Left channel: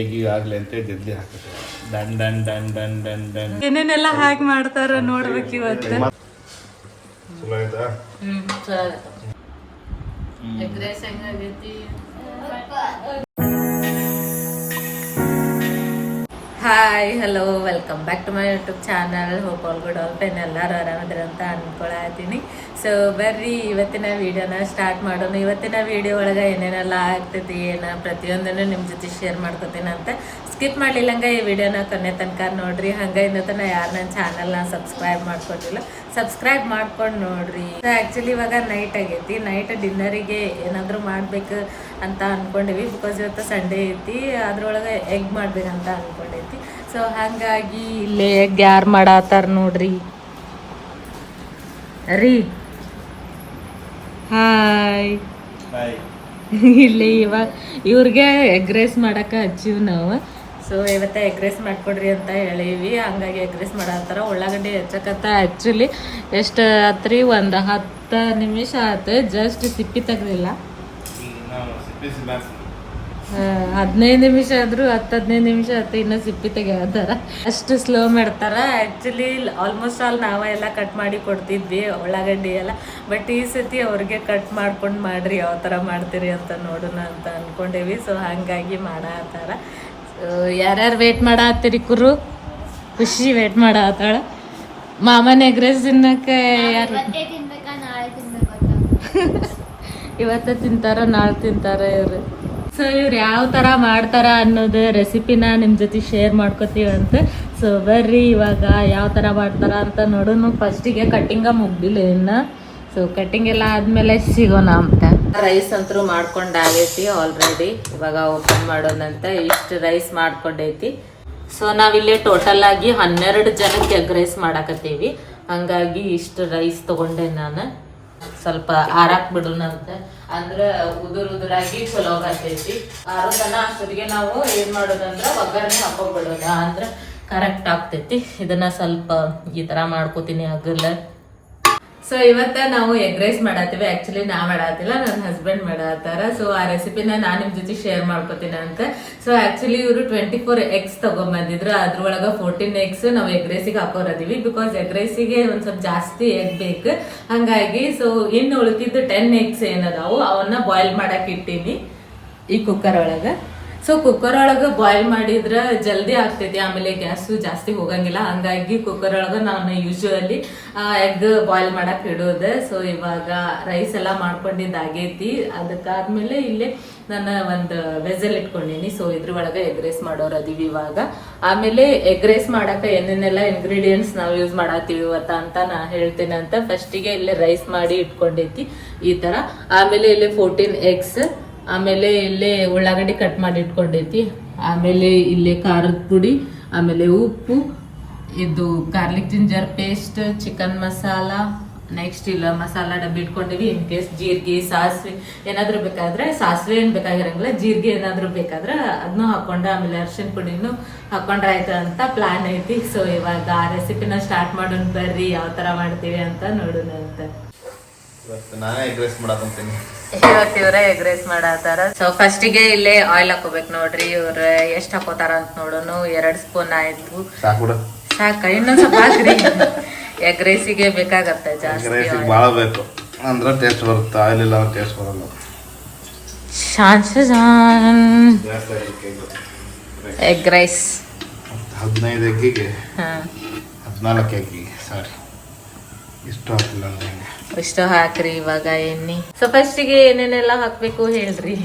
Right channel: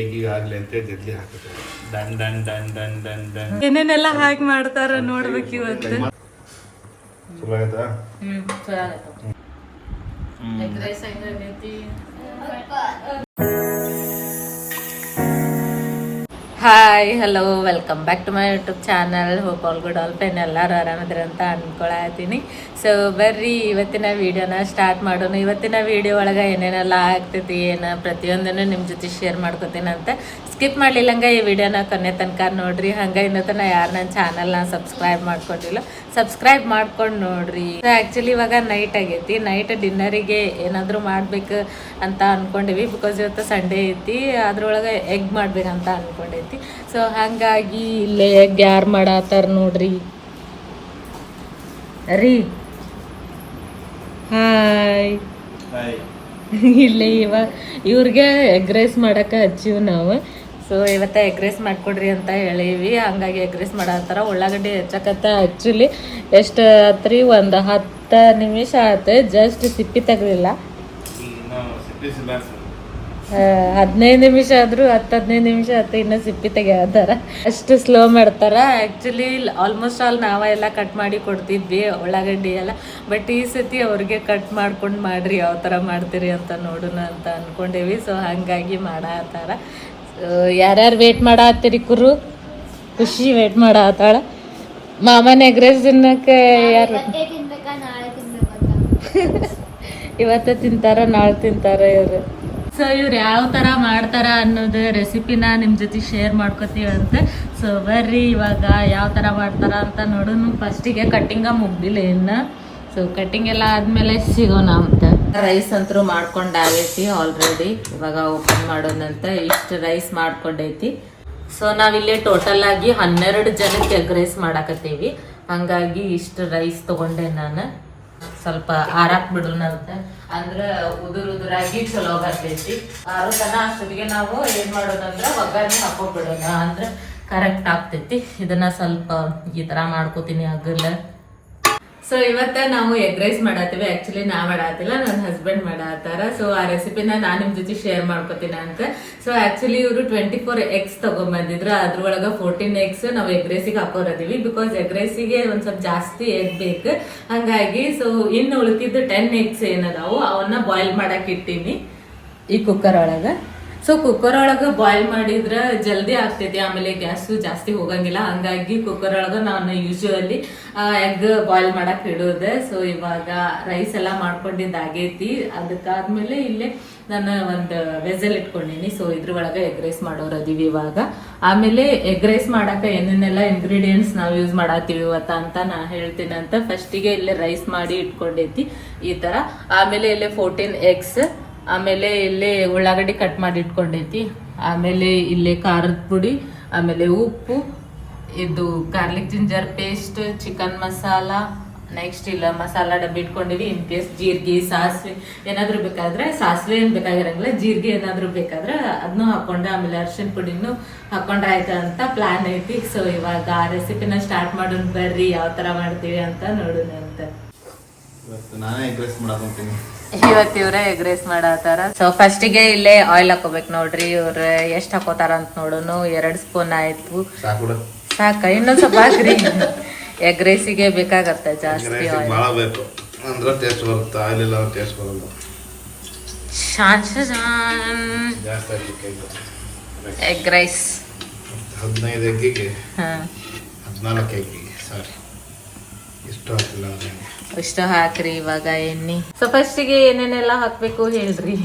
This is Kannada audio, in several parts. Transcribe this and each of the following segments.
ಆಗಿ ಆಗ್ಲಿ ಅಂತ ಜಲ್ದಿ ಹಾಕುತ್ತೆ. ಡನ್ ಡನ್ ಡನ್ ಡನ್ ಡನ್ ಡನ್ ಏನೇನೆಲ್ಲ ಹಾಕಿ ಮಾಡ್ತಾರ ನೋಡ್ಬೇಕು ಇವತ್ತು. ಚಲೋ ಆಯ್ತಾ? Hi hello welcome back to my YouTube channel. Hope all good all pen ಎಲ್ಲರೂ ಆರಾಮದ್ರ ಅಂತ ಅನ್ಕೊಳತೀನಿ. ಸೊ ಬರ್ರಿ ಇವತ್ತಿನ ವಿಡಿಯೋನ ಸ್ಟಾರ್ಟ್ ಮಾಡೋಣ. ಇವತ್ತಿನ ವಿಡಿಯೋ ಒಳಗೆ ಏನೇನೆಲ್ಲ ಆಗ್ತೈತಿ ಏನು ಪ್ರತಿಯೊಂದನ್ನು ನಿಮ್ಮ ಜೊತೆ ಶೇರ್ ಮಾಡ್ಕೊತೀನಿ ಅಂತ. ಸ್ಕಿಪ್ ಮಾಡಲಿಲ್ಲಂಗೆ ಈ ವಿಡಿಯೋನ ಕೊನೆ ತನಕ ನೋಡ್ರಿ. ಹಂಗೆ ಇನ್ನೂ ತನಕ ಯಾರು ನನ್ನ ಚಾನಲ್ನ ಸಬ್ಸ್ಕ್ರೈಬ್ ಮಾಡ್ಕೊಂಡಿಲ್ಲ ಸಬ್ಸ್ಕ್ರೈಬ್ ಮಾಡ್ಕೊಂಡು ನೋಡ್ರಿ. ಸೊ ಆ್ಯಕ್ಚುಲಿ ಇವಾಗ ನೈಟ್ ಆಗೈತಿ. ನೈಟ್ ಡಿನ್ನರಿಗೆ ಏನಾದರೂ ಮಾಡ್ಬೇಕು ಅಂತ ಅಂದ್ಕೊಂಡಿವಿ. ಬಿಕಾಸ್ ಇವತ್ತು ಸಂಡೇ ಐತಿ, ಅದ್ರೊಳಗೆ ಎಗ್ ಮಾಡ್ಬೇಕಂತ ಅಂದ್ಕೊಂಡೈತಿ. ಸೊ ಹಾಗಾಗಿ ಇಲ್ಲೇ ಎಗ್ ಯಾರು ಮಾಡತ್ತಾರ ನೋಡ್ರಿ. ರೀ ಹಾಯ್. ಇಲ್ಲೇ ಇವಾಗ ಇವ್ರಿಗೆ ಎಗ್ ರೈಸ್ ಮಾಡಕ್ಕೆ ಹಚ್ಚಿವ್ ನಾವು. ಸೊ ಇವತ್ತ ಎಗ್ ರೈಸ್ ಮಾಡ್ಕೊಡ್ರಿ ಅಂತ ಹೇಳೀವಿ. ಹಂಗಾಗಿ ಎಗ್ ರೈಸ್ ಮಾಡತ್ತಾರ. ಉಳ್ಳಾಗಡ್ಡಿ ಹೆಚ್ಚಕತ್ತ. ಆ್ಯಕ್ಚುಲಿ ಎಷ್ಟು ಆತ್ರಿ, ಒಂದು 10 ನಿಮಿಷ ಆಯ್ತು. ಜಸ್ಟ್ ಸಿಪ್ಪಿ ತೆಗ್ದಿಲ್ಲ. 15 ನಿಮಿಷ ಆದರೂ 10-15 ನಿಮಿಷ ಆಯ್ತು ಇನ್ನೂ ಸಿಪ್ಪಿ ತೆಗಿಯತ್ತಾರ. ಅಷ್ಟು ಸ್ಲೋ ಮಾಡ್ತಾರ. ಆ್ಯಕ್ಚುಲಿ ಆಲ್ಮೋಸ್ಟ್ ಆಲ್ ನಾವೆಲ್ಲ ಕಟ್ ಮಾಡಿ ಕೊಡ್ತಿದ್ವಿ ಉಳ್ಳಾಗಡ್ಡಿ ಎಲ್ಲ. ಬಟ್ ಈ ಸತಿ ಅವ್ರಿಗೆ ಕಟ್ ಮಾಡ್ಕೊಂಡು ಮಾಡ್ರಿ ಯಾವ ಥರ ಮಾಡ್ತೀರಿ ಅಂತ ನೋಡೋಣ ಅಂತ ಅಂದ್ಕೊಂಡೇವಿ. ಸೊ ಹಾಗಾಗಿ ಮಾಡತ್ತಾರ. ಯಾರ್ಯಾರು ವೇಟ್ ಮಾಡತ್ತೀರಿ ಕುರು? ಖುಷಿ ವೇಟ್ ಮಾಡತ್ತಾಳ. ಮಾಮನ ಎಗ್ ರೈಸ್ ತಿನ್ನಕ್ಕೆ ಯಾರು ಇವತ್ತು ತಿಂತಾರ ನಾಳೆ ತಿಂತಾರ ಇವ್ರು. ಸೊ ಇವ್ರು ಯಾವ ಥರ ಮಾಡ್ತಾರ ಅನ್ನೋದು ರೆಸಿಪಿನ ನಿಮ್ಮ ಜೊತೆ ಶೇರ್ ಮಾಡ್ಕೋತೀವಿ ಅಂತ. ಸೊ ಬರ್ರಿ ಇವಾಗ ಯಾವ ಥರ ಮಾಡ್ತಾರ ಅಂತ ನೋಡೋಣ. ಫಸ್ಟಿಗೆ ಕಟ್ಟಿಂಗ ಮುಗ್ದಿಲ್ಲ ಇನ್ನು. ಸೊ ಕಟ್ಟಿಂಗ್ ಎಲ್ಲ ಆದಮೇಲೆ ಸಿಗೋಣ ಅಂತ. ರೈಸ್ ಅಂತೂ ಮಾಡ್ಕೊಂಡಾಗೈತಿ ಆಲ್ರೆಡಿ. ಇವಾಗ ಓಪನ್ ಮಾಡೋದಂತ ಇಷ್ಟು ರೈಸ್ ಮಾಡ್ಕೊಂಡೈತಿ. ಸೊ ನಾವಿಲ್ಲಿ ಟೋಟಲ್ ಆಗಿ 12 ಜನಕ್ಕೆ ಎಗ್ ರೈಸ್ ಮಾಡಾಕತ್ತೀವಿ. ಹಂಗಾಗಿ ಇಷ್ಟು ರೈಸ್ ತಗೊಂಡೆ ನಾನು. ಸ್ವಲ್ಪ ಆರಾಕ್ ಬಿಡೋಣ ಅಂತ, ಅಂದ್ರೆ ಉದುರಾಗಿ ಚಲೋ ಬರ್ತೈತಿ. ಆರು ತನ ಅಷ್ಟೊತ್ತಿಗೆ ನಾವು ಏನ್ ಮಾಡೋದಂದ್ರೆ ಒಗ್ಗರಣೆ ಹಾಕೊಂಡ್ಬಿಡೋಣ, ಅಂದ್ರೆ ಕರೆಕ್ಟ್ ಆಗ್ತೈತಿ. ಇದನ್ನ ಸ್ವಲ್ಪ ಈ ತರ ಮಾಡ್ಕೋತೀನಿ ಅಗಲ. ಸೊ ಇವತ್ತ ನಾವು ಎಗ್ ರೈಸ್ ಮಾಡತ್ತೀವಿ. ಆಕ್ಚುಲಿ ನಾ ಮಾಡತ್ತಿಲ್ಲ, ನನ್ನ ಹಸ್ಬೆಂಡ್ ಮಾಡತ್ತಾರ. ಸೊ ಆ ರೆಸಿಪಿನ ನಾನು ನಿಮ್ ಜೊತೆ ಶೇರ್ ಮಾಡ್ಕೋತೀನಿ ಅಂತ. ಸೊ ಆಕ್ಚುಲಿ ಇವರು 24 ಎಗ್ಸ್ ತಗೊಂಡ್ಬಂದಿದ್ರು. ಅದ್ರೊಳಗ 14 ಎಗ್ಸ್ ನಾವು ಎಗ್ ರೈಸಿಗೆ ಹಾಕೋರದೀವಿ. ಬಿಕಾಸ್ ಎಗ್ ರೈಸಿಗೆ ಒಂದ್ ಸ್ವಲ್ಪ ಜಾಸ್ತಿ ಎಗ್ ಬೇಕು. ಹಂಗಾಗಿ ಸೊ ಇನ್ನು ಉಳಿದಿದ್ದು 10 ಎಗ್ಸ್ ಏನದಾವು ಅವನ್ನ ಬಾಯ್ಲ್ ಮಾಡಕ್ ಇಟ್ಟೀನಿ ಈ ಕುಕ್ಕರ್ ಒಳಗ. ಸೊ ಕುಕ್ಕರ್ ಒಳಗ ಬಾಯ್ಲ್ ಮಾಡಿದ್ರ ಜಲ್ದಿ ಆಗ್ತೈತಿ, ಆಮೇಲೆ ಗ್ಯಾಸು ಜಾಸ್ತಿ ಹೋಗಂಗಿಲ್ಲ. ಹಂಗಾಗಿ ಕುಕ್ಕರ್ ಒಳಗ ನಾನು ಯೂಶುವಲಿ ಎಗ್ ಬಾಯ್ಲ್ ಮಾಡಕ್ ಇಡೋದೆ. ಸೊ ಇವಾಗ ರೈಸ್ ಎಲ್ಲ ಮಾಡ್ಕೊಂಡಿದ್ದಾಗೈತಿ. ಅದಕ್ಕಾದ್ಮೇಲೆ ಇಲ್ಲೇ ನಾನು ಒಂದು ವೆಸಲ್ ಇಟ್ಕೊಂಡಿನಿ. ಸೊ ಇದ್ರ ಒಳಗ ಎಗ್ ರೈಸ್ ಮಾಡೋರು ಅದೀವಿ ಇವಾಗ. ಆಮೇಲೆ ಎಗ್ ರೈಸ್ ಮಾಡಕ ಏನೇನೆಲ್ಲ ಇಂಗ್ರೀಡಿಯೆಂಟ್ಸ್ ನಾವು ಯೂಸ್ ಮಾಡತ್ತೀವಿ ಅಂತ ನಾ ಹೇಳ್ತೇನೆ ಅಂತ. ಫಸ್ಟಿಗೆ ಇಲ್ಲೇ ರೈಸ್ ಮಾಡಿ ಇಟ್ಕೊಂಡೈತಿ ಈ ತರ. ಆಮೇಲೆ ಇಲ್ಲಿ 14 ಎಗ್ಸ್, ಆಮೇಲೆ ಇಲ್ಲಿ ಉಳ್ಳಾಗಡ್ಡಿ ಕಟ್ ಮಾಡಿ ಇಟ್ಕೊಂಡೈತಿ. ಆಮೇಲೆ ಇಲ್ಲಿ ಖಾರದ ಪುಡಿ, ಆಮೇಲೆ ಉಪ್ಪು, ಇದು garlic ginger paste, chicken masala, next ಇಲ್ಲ ಮಸಾಲ ಡಬ್ಬಿ ಇಟ್ಕೊಂಡಿವಿ. ಇನ್ ಕೇಸ್ ಜೀರಿಗೆ ಸಾಸಿವೆ ಏನಾದ್ರು ಬೇಕಾದ್ರೆ, ಸಾಸಿವೆ ಏನ್ ಬೇಕಾಗಿರಂಗಿಲ್ಲ, ಜೀರಿಗೆ ಏನಾದ್ರು ಬೇಕಾದ್ರೆ ಅದನ್ನು ಹಾಕೊಂಡ, ಆಮೇಲೆ ಅರ್ಶಿನ ಪುಡಿನೂ ಹಾಕೊಂಡ್ರೆ ಆಯ್ತು ಅಂತ ಪ್ಲಾನ್ ಐತಿ. ಸೊ ಇವಾಗ ಆ ರೆಸಿಪಿನ ಸ್ಟಾರ್ಟ್ ಮಾಡೋಣ ಬರ್ರಿ, ಯಾವ ತರ ಮಾಡ್ತೀವಿ ಅಂತ ನೋಡೋಣ ಅಂತ. ನಾನೇ ಎಗ್ ರೈಸ್ ಮಾಡಕೊಂತೀನಿ. ಇವತ್ತು ಇವ್ರೆ ಎಗ್ ರೈಸ್ ಮಾಡತ್ತಾರ. ಸೊ ಫಸ್ಟಿಗೆ ಇಲ್ಲೇ ಆಯಿಲ್ ಹಾಕೋಬೇಕು ನೋಡ್ರಿ. ಇವ್ರ ಎಷ್ಟ್ ಹಾಕೋತಾರ ಅಂತ ನೋಡೋನು. 2 ಸ್ಪೂನ್ ಆಯ್ತು, ಸಾಕ. ಇನ್ನೊಂದ್ ಸ್ವಲ್ಪ ಹಾಕ್ರಿ. ಎಗ್ ರೈಸಿಗೆ ಬೇಕಾಗತ್ತೆ ಜಾಸ್ತಿ ಆಯಿಲ್. ಎಗ್ ರೈಸ್ 15 ಎಗ್ಗಿಗೆ 14 ಎಗ್ಗಿಗೆ ಸಾರಿ ಇಷ್ಟು ಹಾಕ್ರಿ ಇವಾಗ ಎಣ್ಣೆ. ಸೊ ಫಸ್ಟಿಗೆ ಏನೇನೆಲ್ಲ ಹಾಕ್ಬೇಕು ಹೇಳ್ರಿ.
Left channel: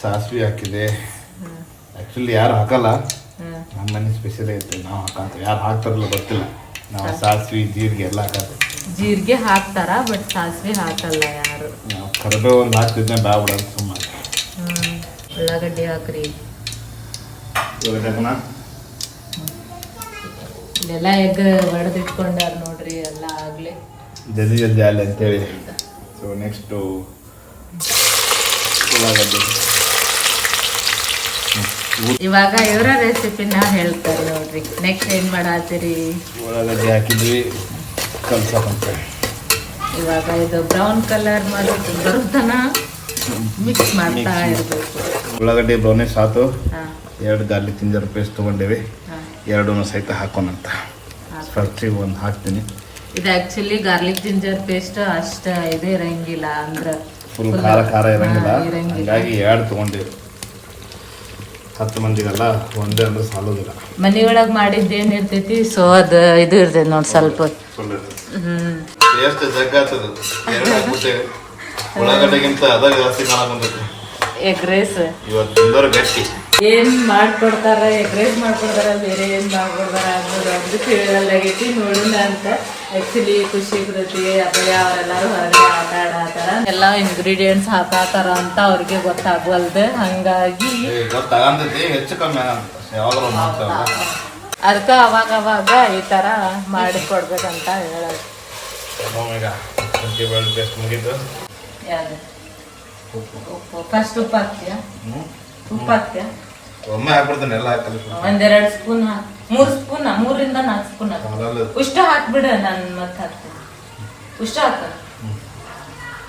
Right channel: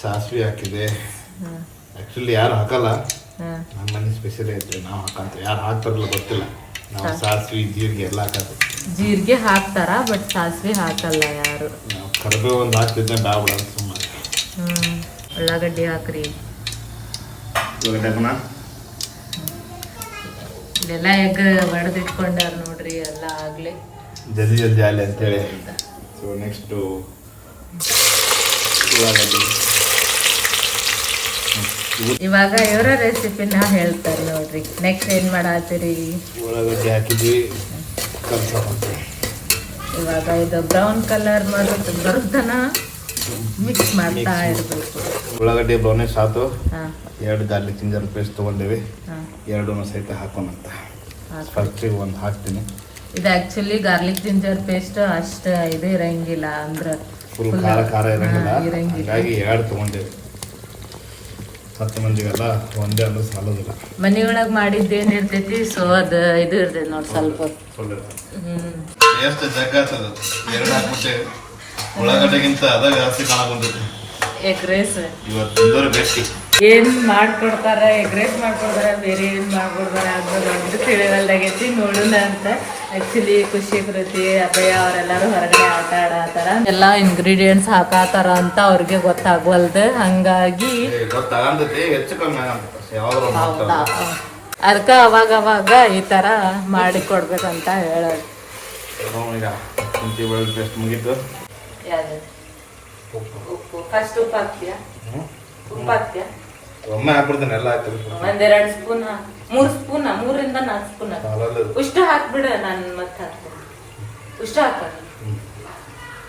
ಸಾಸಿವೆ ಹಾಕಿದೆ. ಆಕ್ಚುಲಿ ಯಾರು ಹಾಕಲ್ಲ, ನಮ್ಮ ಮನೆ ಸ್ಪೆಷಲ್ ಐತೆ. ನಾವು ಹಾಕಂತ ಯಾರು ಹಾಕ್ತಾರಲ್ಲ ಗೊತ್ತಿಲ್ಲ. ನಾವು ಸಾಸಿವೆ ಜೀರಿಗೆ ಎಲ್ಲ ಹಾಕತ್ತೆ. ಜೀರಿಗೆ ಹಾಕ್ತಾರ, ಬಟ್ ಸಾಸಿವೆ ಹಾಕಲ್ಲ ಯಾರು. ಕರಿಬೇವು ಒಂದು ಹಾಕ್ತಿದ್ದೆ ಬಾಬು ಅಂತ ಸುಮ್ಮನೆ. ಉಳ್ಳಾಗಡ್ಡಿ ಹಾಕ್ರಿ. ಇದೆಲ್ಲ ಎಗ್ ಒಡೆದಿಟ್ಕೊಂಡಾರ ನೋಡ್ರಿ ಎಲ್ಲ ಆಗ್ಲಿ ಜಲ್ದಿ ಜಲ್ದಿ ಆಗಲಿ ಅಂತೇಳಿ. ಸೊ ನೆಕ್ಸ್ಟು ಇವಾಗ ಇವರ ರೆಸಿಪಿನ ಹೇಳ್ತಾರೆ ನೋಡ್ರಿ. ನೆಕ್ಸ್ಟ್ ಏನ್ ಮಾಡತ್ತೀರಿ? ಉಳ್ಳಾಗಡ್ಡಿ ಹಾಕಿದ್ವಿ, ಇವಾಗ ಇದು ಬ್ರೌನ್ ಕಲರ್ ಮಾಡೋದು ಬರುತ್ತನ ಮಿಕ್ಸ್ ಮಾಡ್ತಾ ಇರಬೇಕು. ಉಳ್ಳಾಗಡ್ಡಿ ದೋನೆ ಸಾತು ಹಾಂ 2 ಗಾರ್ಲಿಕ್ ಜಿಂಜರ್ ಪೇಸ್ಟ್ ತೊಗೊಂಡೇವಿ. ಹಾಂ 2 ಸಹಿತ ಹಾಕೋಣಂತ. ಖರ್ಚಿಗೆ ಒಂದು ಹಾಕ್ತೀನಿ. ಇದು ಆ್ಯಕ್ಚುಲಿ ಗಾರ್ಲಿಕ್ ಜಿಂಜರ್ ಪೇಸ್ಟ್ ಅಷ್ಟು ಇದು ಇರಂಗಿಲ್ಲ, ಅಂದ್ರೆ ಫುಲ್ ಖಾರ ಖಾರ ಇರಂಗಿಲ್ಲ. ಹಾಗಾಗಿ 2 ತೊಗೊಂಡೇವಿ. 10 ಮಂದಿಗೆಲ್ಲ ಒಂದೇ ಅಂದ್ರೆ ಸಾಲೋದಿಲ್ಲ. ಮನೆಯೊಳಗೆ ಮಾಡಿದ್ದೇನು ಇರ್ತೈತಿ, ಸೊ ಅದು ಇದು ಇರ್ತೈತಿ ನೋಡಿ ಸ್ವಲ್ಪ. ಎಷ್ಟು ಜಗ್ಗಾತದ ಉಳ್ಳಾಗಡ್ಡೆಗಿಂತ ಅದಾಗ ಜಾಸ್ತಿ ಕಾಣ ಬಂದೈತಿ. ಎಗ್ ರೈಸ್ ಇವತ್ತು ತಿಂದವ್ರು ಗಟ್ಟಿ. ಏನು ಮಾಡ್ಕೊಡ್ತಾರ, ಎಗ್ ರೈಸ್ ಮಾಡ್ಕೊಡ್ತಾರ, ಬೇರೆ ಏನು ಮಾಡ್ಕೊಡ್ತಾರ ಅನ್ನೋದು ಒಂದು ತಿಳಿವಲ್ದಾಗೈತಿ. ನೋಡೋಣ ಅಂತ ಆ್ಯಕ್ಚುಲಿ ಖುಷಿ ಕೃತಿ ಅಭಯ ಅವರೆಲ್ಲರೂ ಹೊರಗಡೆ ಆಟ ಆಡತ್ತಾರ, ಎಲ್ಲ ಇಂಗ್ರೀಡಿಯೆಂಟ್ಸ್ ಹಾಕಾತಾರ ಅಂತ ಅವ್ರಿಗೆ ಗೊತ್ತಾಗವಲ್ದು. ಹಂಗಾಗಿ ಗೊತ್ತಾಗಂತೈತಿ, ಹೆಚ್ಚು ಕಮ್ಮಿ ಆಗಂತ ಯಾವಾದ್ರು ಮಾಡ್ತಾರಲ್ಲ, ಅದಕ್ಕೆ ಅವಾಗ ಅವಾಗ ಈ ಥರ ಮಾಡಿ ಕೊಡ್ಬೇಕು ಅಂತ ಹೇಳೋದು. ಈಗ ಶುಂಠಿ ಬೆಳ್ಳುಳ್ಳಿ ಪೇಸ್ಟ್ ಮುಗೀತು. ಯಾವುದು ಉಪ್ಪು ಫಸ್ಟ್ ಉಪ್ಪು ಹಾಕ್ತೀಯಾ? ಉಪ್ಪು ಹಾಕ್ತೀಯಾ? ಒಮ್ಮೆ ಹಾಕ್ಬಿಡ್ತಾನೆ, ಎಲ್ಲ ಹಾಕ್ತಾರೆ. 1-2 ಸ್ಪೂನ್ 3 ಸ್ಪೂನ್ 3 4 ಸ್ಪೂನ್ ಉಷ್ಟು ಹಾಕ್ಬಿಡ. ನಾನು ಮತ್ತೆ ಹಾಕ್ತೀನಿ, ಉಷ್ಟು ಹಾಕ.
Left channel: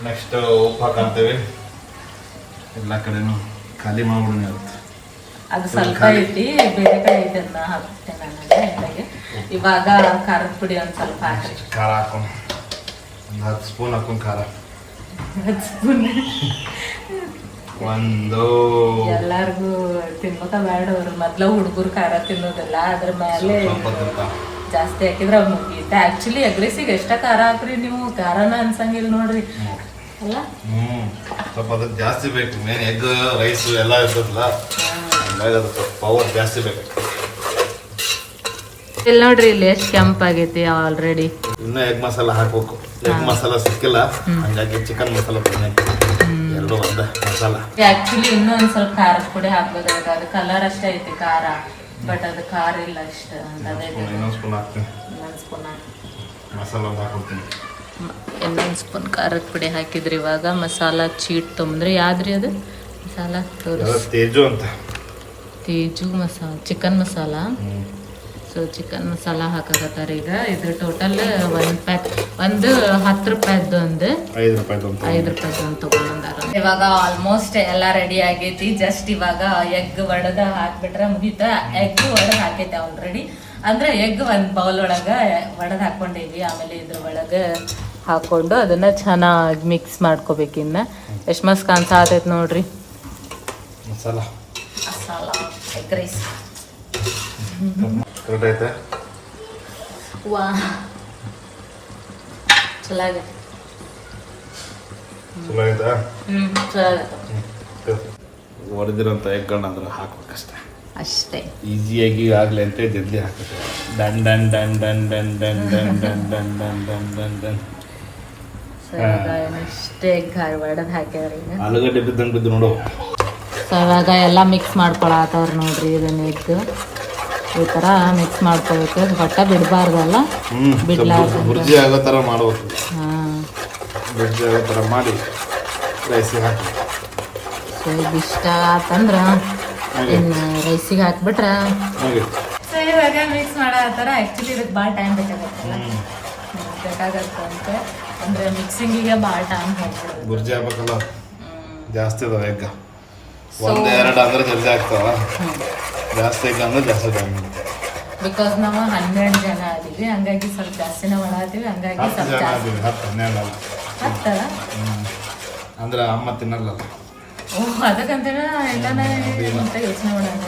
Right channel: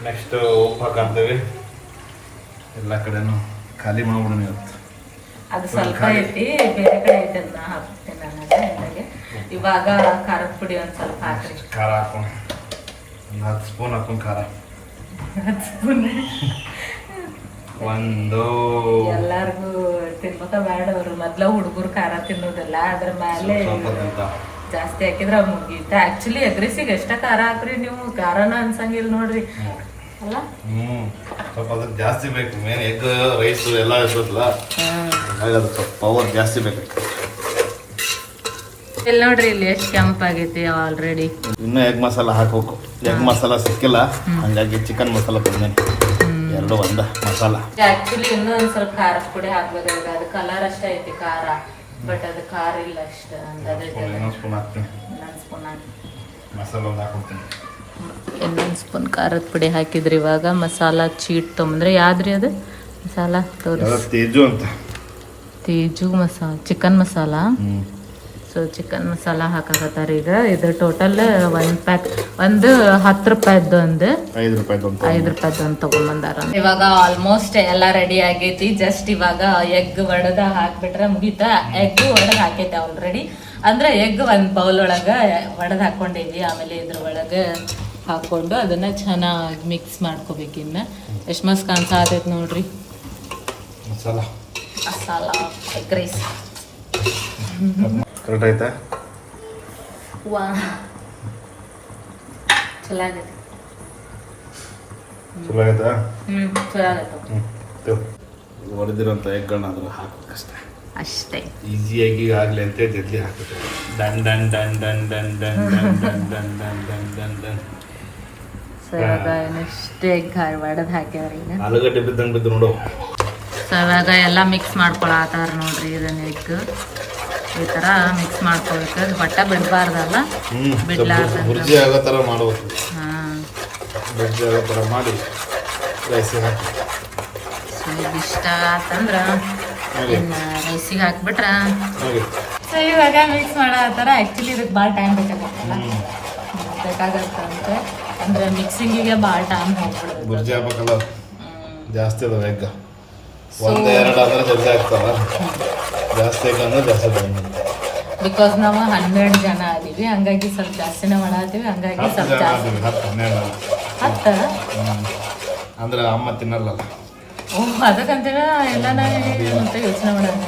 ನೆಕ್ಸ್ಟ್ ಉಪ್ಪು ಹಾಕಂತೇವಿ. ಎಲ್ಲ ಕಡೆನೂ ಖಾಲಿ ಮಾಡ್ಬಿಡೋಣ ಇವತ್ತು. ಅದು ಸ್ವಲ್ಪ ಐತಿ, ಬೇರೆ ಕಡೆ ಐತೆ ಅಂತ ಹಾಕ್ತೀನಿ ನಾನು ಎಣ್ಣೆಗೆ. ಇವಾಗ ಖಾರದ ಪುಡಿ ಒಂದು ಸ್ವಲ್ಪ ಹಾಕಿ. ಖಾರ ಹಾಕೊಂಡು 10 ಸ್ಪೂನ್ ಹಾಕೊಂಡು ಖಾರ. 10 ಸ್ಪೂನ್ ಒಂದು ಎಲ್ಲಾರ್ಗು ತಿನ್ಬೇಕ ಬೇಡ. ಅವರು ಮೊದ್ಲ ಹುಡುಗರು ಖಾರ ತಿನ್ನೋದಿಲ್ಲ, ಅದ್ರ ಮೇಲೆ ಜಾಸ್ತಿ ಹಾಕಿದ್ರೆ ಮುಗೀತ. ಆಕ್ಚುಲಿ ಎಗ್ರೆಸಿಗೆ ಎಷ್ಟ ಖಾರ ಹಾಕ್ರಿ ನೀವು, ಖಾರನ ಅನ್ಸಂಗಿಲ್ಲ ನೋಡ್ರಿ ಅಲ್ಲ. ಸ್ವಲ್ಪ ಅದಕ್ಕೆ ಜಾಸ್ತಿ ಬೇಕು. ಮೇನ್ ಎಗ್ ರೈಸ್ ಎಲ್ಲ ಇರ್ತದಲ್ಲ, ಅದಕ್ಕೆ ಪವರ್ ಜಾಸ್ತಿ ಬೇಕು. ಇಲ್ಲಿ ನೋಡ್ರಿ, ಇಲ್ಲಿ ಎಷ್ಟು ಕೆಂಪಾಗೈತಿ ಆಲ್ರೆಡಿ. ಇನ್ನೂ ಎಗ್ ಮಸಾಲ ಹಾಕ್ಬೇಕು. ಎಗ್ ಮಸಾಲ ಸಿಕ್ಕಿಲ್ಲ, ಹಂಗಾಗಿ ಚಿಕನ್ ಮಸಾಲ ತಂದೇನೆ. 2 ಒಂದ ಮಸಾಲ. ಆಕ್ಚುಲಿ ಇನ್ನೂ ಒಂದ್ ಸ್ವಲ್ಪ ಖಾರದ ಪುಡಿ ಹಾಕ್ಬೇಕಾಗಿದೆ. ಅದು ಕಲರ್ ಅಷ್ಟೇ ಐತಿ ಖಾರ, ಬಟ್ ಅದು ಖಾರ ಇಲ್ಲ ಅಷ್ಟ. ಇನ್ನೊಂದು ಸ್ಪೂನ್ ಹಾಕ್ತೀನಿ. ಇನ್ನೊಂದು ಸ್ಪೂನ್ ಹಾಕಿ ಮಸಾಲ ಒಂದು ಹಾಕ್ಬಿಡ್ತೀನಿ. ಇನ್ನೊಂದು ಸ್ಪೂನ್ ಖಾರದ ಪುಡಿ ಹಾಕಿದ್ರಿ. ಇವಾಗ ಮಸಾಲ ಚೀಟ್ ತೊಗೊಂಡ್ರೆ ಯಾವ್ದ್ರಿ ಅದು ಮಸಾಲ ತೋರಿಸಿ? ತೇಜು ಅಂತ. Teju masala, chicken masala. So chicken masala ಹಾಕಕತ್ತಾರ ಈಗ. ಇದು ಟೋಟಲ್ 1 ಪ್ಯಾಕ್, ಒಂದು 10 ರೂಪಾಯಿದ್ದು, ಒಂದು 5 ರೂಪಾಯಿದ್ದು ಒಂದು ತಗೊಂಡ್ಬಂದಾರ. ಇವಾಗ ಆಲ್ಮೋಸ್ಟ್ ಎಲ್ಲ ರೆಡಿ ಆಗೈತಿ. ಜಸ್ಟ್ ಇವಾಗ ಎಗ್ ಒಡೆದ ಹಾಕ್ಬಿಟ್ರೆ ಮುಗೀತಾ. ಎಗ್ ಒಡೆದ್ ಹಾಕೈತೆ ಆಲ್ರೆಡಿ. ಅಂದ್ರೆ ಎಗ್ ಒಂದು ಬೌಲ್ ಒಳಗ ಒಡೆದ್ ಹಾಕೊಂಡೇವಿ. ಆಮೇಲೆ ಇದ್ರ ಒಳಗ ಹಾಕೊಂಡು ಅದನ್ನ ಚೆನ್ನಾಗಿ ಮಿಕ್ಸ್ ಮಾಡ್ಕೋಬೇಕು. ಇನ್ನ ಎಷ್ಟು ಮಸ್ತ್ ಕಾಣ್ಸಾತೈತಿ ನೋಡ್ರಿ ಮಸಾಲ ಎಗ್ ರೈಸ್. ವಾ ಚಲೋ ಆಗೈತೆ. ಚಲೋ ಆಯ್ತಾ? ಚಲೋ ಆಗೈತೆ. ಹೊಡೆದಿರೋಂಥ ಎಗ್ಗಳನ್ನ ಅದ್ರ ಹಾಕ್ಬೇಕಷ್ಟೆ, ಅಷ್ಟೇ. ಈಸಿಯಾಗಿ ಆಗಲಿ ಅಂತ ಜಲ್ದಿ ಹಾಕ್ಬೇಕು. ಡನ್ ಡನ್ ಡನ್ ಡನ್ ಡನ್ ಡನ್ ಡನ್ ಡನ್ ಡನ್ ಡನ್ ಡನ್ ಡನ್ ಡನ್. ಸೊ ಇವಾಗ ಇಷ್ಟೇ ಎಗ್ ಒಡೆದು ಹಾಕ್ಯಾವ್ರಿ. ಈಗ ಆಲೂಗಡ್ಡೆ ಬಿದ್ದಂಗೆ ಬಿದ್ದು ನೋಡು. ಸೊ ಇವಾಗ ಎಲ್ಲ ಮಿಕ್ಸ್ ಮಾಡ್ಕೊಳತ್ತಾರ ನೋಡ್ರಿ. ಇದನ್ನ ಎಗ್ ಈ ಥರ ಮಿಕ್ಸ್ ಮಾಡ್ಕೊಬೇಕು. ಅದು ಬಟ್ಟ ಬಿಡಬಾರ್ದಲ್ಲ, ಬಿಡ್ಲಾರ್ದು ಬುರ್ಜಿ ಆಗೋ ಥರ ಮಾಡ್ಬೇಕು. ಹಾಂ, ಬುರ್ಜಿ ಆಗೋ ಥರ ಮಾಡಿ ರೈಸಿಗೆ ಹಾಕಿ. ಸೊ ಇದು ಇಷ್ಟ ಆತಂದ್ರೆ ಇನ್ನು ರೈಸಿಗೆ ಹಾಕ್ಬಿಟ್ರೆ. ಸೊ ಇವಾಗ ಮಿಕ್ಸ್ ಮಾಡತ್ತಾರ. ಆ್ಯಕ್ಚುಲಿ ಇದಕ್ಕೆ ಭಾಳ ಟೈಮ್ ಬೇಕಾಗತ್ತಂತೆ. ಅಂದರೆ ಮಿಕ್ಸಿಂಗಿಗೆ ಭಾಳ ಟೈಮ್ ಹೋಗ್ಬಿಡುತ್ತೆ. ಬುರ್ಜಿ ಆಗ್ಬೇಕಲ್ಲ, ಜಾಸ್ತಿ ಅದಾವ ಎಗ್. 1-2 ಅಂದ್ರೆ ಜಲ್ದಿ ಆಗ್ತಾವ, ಜಾಸ್ತಿ ಎಗ್ ಅಂದ್ರೆ ಜಾಸ್ತಿ ಟೈಮ್. ಬಿಕಾಸ್ ನಾವು 12 ಜನ ಅದೀವಿ, ಹಂಗಾಗಿ ಸ್ವಲ್ಪ ಜಾಸ್ತಿನೇ ಮಾಡತ್ತೀವಿ. ಹಂಗಾಗಿ ಸ್ವಲ್ಪ ಜಾಸ್ತಿ 10 ಅಂದ್ರೆ ಅಮ್ಮ ತಿನ್ನಲ್ಲ. ಅದಕ್ಕಂತೇಳಿ ಎಲ್ಲಾನ ಅಂತ ಯೋಚನೆ ಮಾಡೋಣ.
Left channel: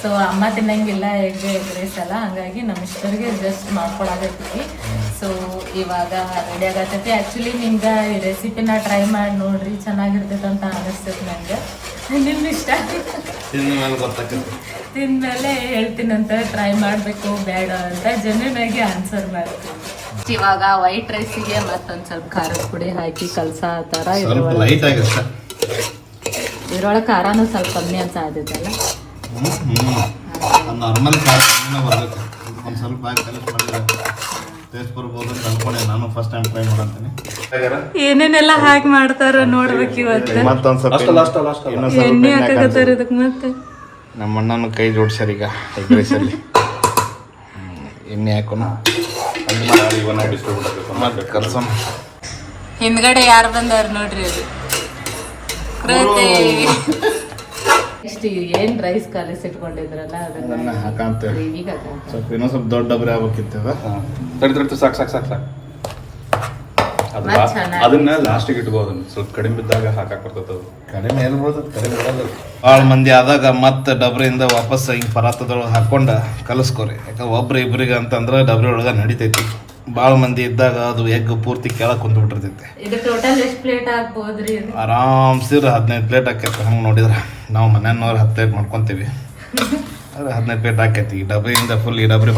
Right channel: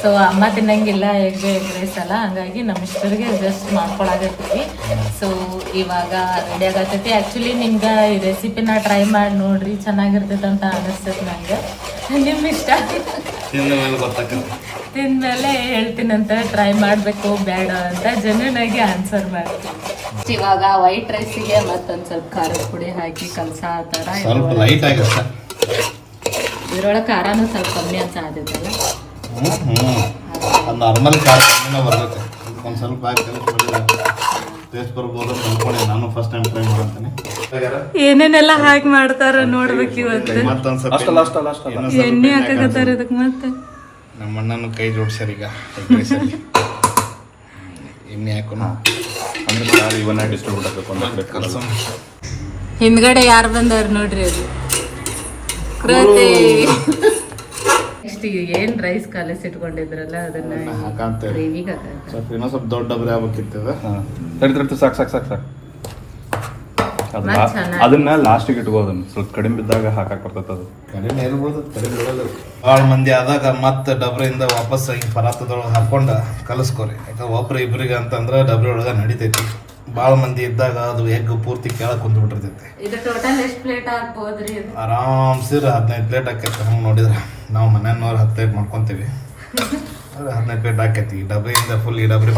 ಸೊ ಅಮ್ಮ ತಿನ್ನಂಗಿಲ್ಲ ಎಗ್ ರೈಸ್ ಅಲ್ಲ, ಹಂಗಾಗಿ ನಮ್ಮ ಇಷ್ಟರಿಗೆ ಜಸ್ಟ್ ಮಾಡ್ಕೊಳಕತ್ತೀವಿ. ಸೊ ಇವಾಗ ರೆಡಿ ಆಗತ್ತೈತಿ. ಆ್ಯಕ್ಚುಲಿ ನಿಮ್ಗೆ ಈ ರೆಸಿಪಿನ ಟ್ರೈ ಮಾಡಿ ನೋಡ್ರಿ, ಚೆನ್ನಾಗಿರ್ತೈತೆ ಅಂತ ಅನಿಸ್ತೈತಿ ನಂಗೆ. ನಿಮ್ಮ ಇಷ್ಟ ತಿಂದ್ಮೇಲೆ ಹೇಳ್ತೀನಂತ, ಟ್ರೈ ಮಾಡಬೇಕು ಬೇಡ ಅಂತ ಜೆನ್ಯೂನಾಗಿ ಆನ್ಸರ್ ಮಾಡ್ತೀನಿ. ಇವಾಗ ವೈಟ್ ರೈಸಿಗೆ ಮತ್ತೊಂದು ಸ್ವಲ್ಪ ಖಾರದ ಪುಡಿ ಹಾಕಿ ಕಲ್ಸಾತಾರ. ಇದ್ರೊಳಗೆ ಖಾರನೂ ಸ್ವಲ್ಪ ಕಮ್ಮಿ ಅನ್ಸಾತೈತಲ್ಲ. ನಾರ್ಮಲ್ ಖಾರ ಕಮ್ಮಿನ ಬರ್ತೈತೆ. ಒಂದು ಸ್ವಲ್ಪ ಟೇಸ್ಟ್ ಬರ್ಬೋದು ಅನ್ಕೊಂಡೆ. ನಾನು ಫಸ್ಟ್ ಟೈಮ್ ಟ್ರೈ ಮಾಡ್ತೀನಿ. ಏನೇನೆಲ್ಲ ಹಾಕಿ ಮಾಡ್ತಾರ ನೋಡ್ಬೇಕು ಇವತ್ತು. ಮತ್ತೊಂದು ಸ್ವಲ್ಪ ಎಣ್ಣೆ ಹಾಕಕತ್ತಾರ ಇದಕ್ಕೆ. ಮತ್ತೆ ನಮ್ಮ ಅಣ್ಣನ ಕೈ ಜೋಡ್ಸ್ಯಾರ ಈಗ ಎಣ್ಣೆ ಹಾಕೋಣ. ಕಲ್ಸಮ್. ಹಿಂದ್ಗಡೆ ಯಾರು ಬಂದವ್ರು ನೋಡ್ರಿ. ಅದು ಜಾಗ್ರತೆ. ನೆಕ್ಸ್ಟ್ ಏನ್ ರೈಸ್ ಕಲಸಿಟ್ಕೊಂಡಿದ್ರಲ್ಲ ಅದನ್ನ ಗ್ರೇವಿಗೆ ಇನ್ನೊಂದು ಸ್ವಲ್ಪ ದೊಡ್ಡ ಡಬ್ರಿ ಆಗ್ಬೇಕಿತ್ತು. ಸಾಕು ಅದನ್ನ ಲಾಸ್ಟಿಗೆ ಇಟ್ಕೋದು. ಸ್ವಲ್ಪ ಕಡಿಮೆ ಬಿದ್ದಾಗ ಹಾಕಕ್ ಬರ್ತದ ಅದು. ಕಡಿಮೆ ಎಲ್ಲಿ ಬರ್ತದೆ. ಭಾಳ ಮಂದಿ ಆದಾಗ ಮತ್ತೆ ಡಬ್ರಿಯಿಂದ ವಾಪಸ್ ಹಿಂಗೆ ಪರಾತದೊಳಗೆ ಹಾಕೊಂಡ ಕಲಸ್ಕೋರಿ. ಯಾಕಂದ್ರೆ ಒಬ್ರು ಇಬ್ರಿಗೆ ಅಂತಂದ್ರೆ ಡಬ್ರಿ ಒಳಗೆ ನಡಿತೈತಿ. ಭಾಳ ಮಂದಿ ಇದ್ದಾಗ ಅದು ಎಗ್ ಪೂರ್ತಿ ಕೆಳಗೆ ಕುಂತ್ಬಿಟ್ಟಿರ್ತೈತಿ. ಇದು ಟೋಟಲ್ ಎಷ್ಟು ಪ್ಲೇಟ್ ಹಾಕ್ಬೋದ್ರಿ? ಆರಾಮ್ಸಿರ 15 ಪ್ಲೇಟ್ ಹಾಕೈತಿ. ಹಂಗೆ ನೋಡಿದ್ರೆ ನಾವು ಮನೆಯವ್ರು 10 ಪ್ಲೇಟ್ ಮಾಡ್ಕೊತೀವಿ. 15 ಪ್ಲೇಟ್ ಹಾಕೈತಿ. ಈ ಡಬ್ರಿಯಿಂದ ಫುಲ್ ಈ ಡಬ್ರಿ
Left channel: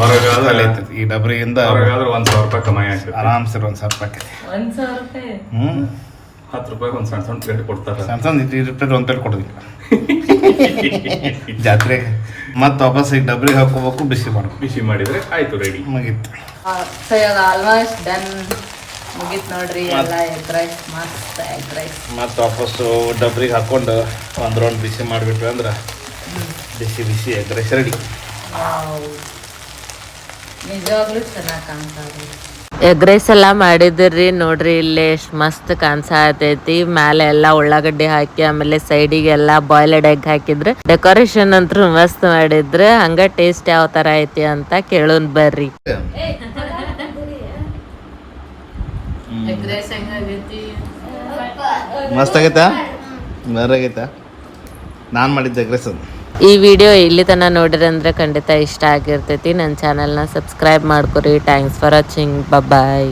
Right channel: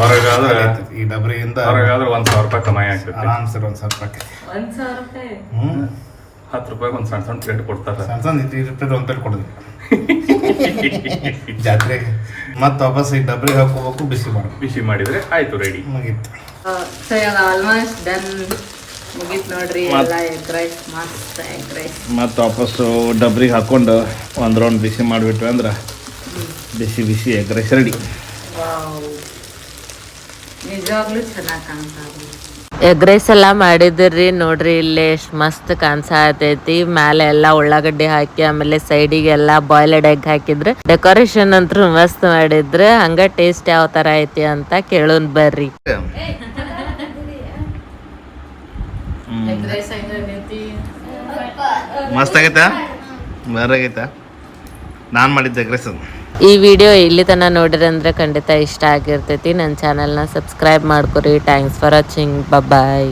ಈ ಡಬ್ರಿಯಿಂದ ₹1,000 ಕಮಾಯಿ ಆಗ್ತೈತಿ. ಆರಾಮ್ಸಿರ 1,000 ರೂಪಾಯಿ ಆಕೈತಿ. 1,000 ರೂಪಾಯಿ? ₹10 ಒಂದು ಸಣ್ಣ ಸಣ್ಣ ಪ್ಲೇಟ್ ಕೊಡ್ತಾರ. ಸಣ್ಣ ಸಣ್ಣ 2 ಪ್ಲೇಟ್ 1 ಪ್ಲೇಟ್ ಕೊಡೋದಿಲ್ಲ ಜಾತ್ರೆಗೆ. ಮತ್ತೆ ವಾಪಸ್ ಈಗ ಡಬ್ರಿಗೆ ಹಾಕೋಬೇಕು, ಬಿಸಿ ಮಾಡ್ಬೇಕು. ಬಿಸಿ ಮಾಡಿದ್ರೆ ಆಯ್ತು, ರೆಡಿ ಮುಗೀತು. ಸೊ ಇವಾಗ ಆಲ್ಮೋಸ್ಟ್ ಡನ್ ಮುಗೀತು ನೋಡ್ರಿ ಎಲ್ಲ. ಎಗ್ ರೈಸ್, ಮಸ್ತ್ ಎಗ್ ರೈಸ್. ಮತ್ತೆ ವಾಪಸ್ ಡಬ್ರಿಗೆ ಹಾಕೊಂಡು ಒಂದು ರೌಂಡ್ ಬಿಸಿ ಮಾಡಿಬಿಟ್ರೆ ಅಂದ್ರೆ ಬಿಸಿ ಬಿಸಿ ಎಗ್ ರೈಸ್ ರೆಡಿ. ನಿಜವಾಗ್ಲೂ ಚೆನ್ನಾಗಿ ಕಾಣ್ತದೆ. ಎಗ್ ರೈಸ್ ಎಲ್ಲ ಮಾಡಿದ್ರಿ ನೋಡ್ರಿ, ಇಲ್ಲಿ ಎಷ್ಟು ಮಸ್ತ್ ಕಾಣಿಸತೈತಿ. ಮೇಲೆ ಎಲ್ಲ ಉಳ್ಳಾಗಡ್ಡಿ ಹಾಕಿ ಆಮೇಲೆ ಸೈಡಿಗೆಲ್ಲ ಬಾಯ್ಲ್ಡ್ ಎಗ್ ಹಾಕಿದ್ರೆ ಡೆಕೋರೇಷನ್ ಅಂತೂ ಮಸ್ತ್ ಮಾಡಿದ್ರೆ. ಹಂಗ ಟೇಸ್ಟ್ ಯಾವ ತರ ಐತಿ ಅಂತ ಕೇಳೋನ್ ಬರ್ರಿ. ಎಗ್ ರೈಸ್ ಹೆಂಗಾಗೈತಿ? ಮಸ್ತ್ ಆಗೈತಾ? ಬರಾಗೈತಾ? ನಾನು ಮಾಡಿದ್ದೆ ಎಗ್ ರೈಸ್. ಈ ವಿಡಿಯೋ ಇಲ್ಲಿ ತನಕ ನೋಡಿರಿ ಅಂದ್ರೆ ಖಂಡಿತ ಇಷ್ಟ ಆಗಿರ್ತೈತಿ. ನನ್ನ ಚಾನಲ್ನ ಸಬ್ಸ್ಕ್ರೈಬ್ ಮಾಡ್ಕೊರಿ. Thanks for watching. ಬಾಯ್.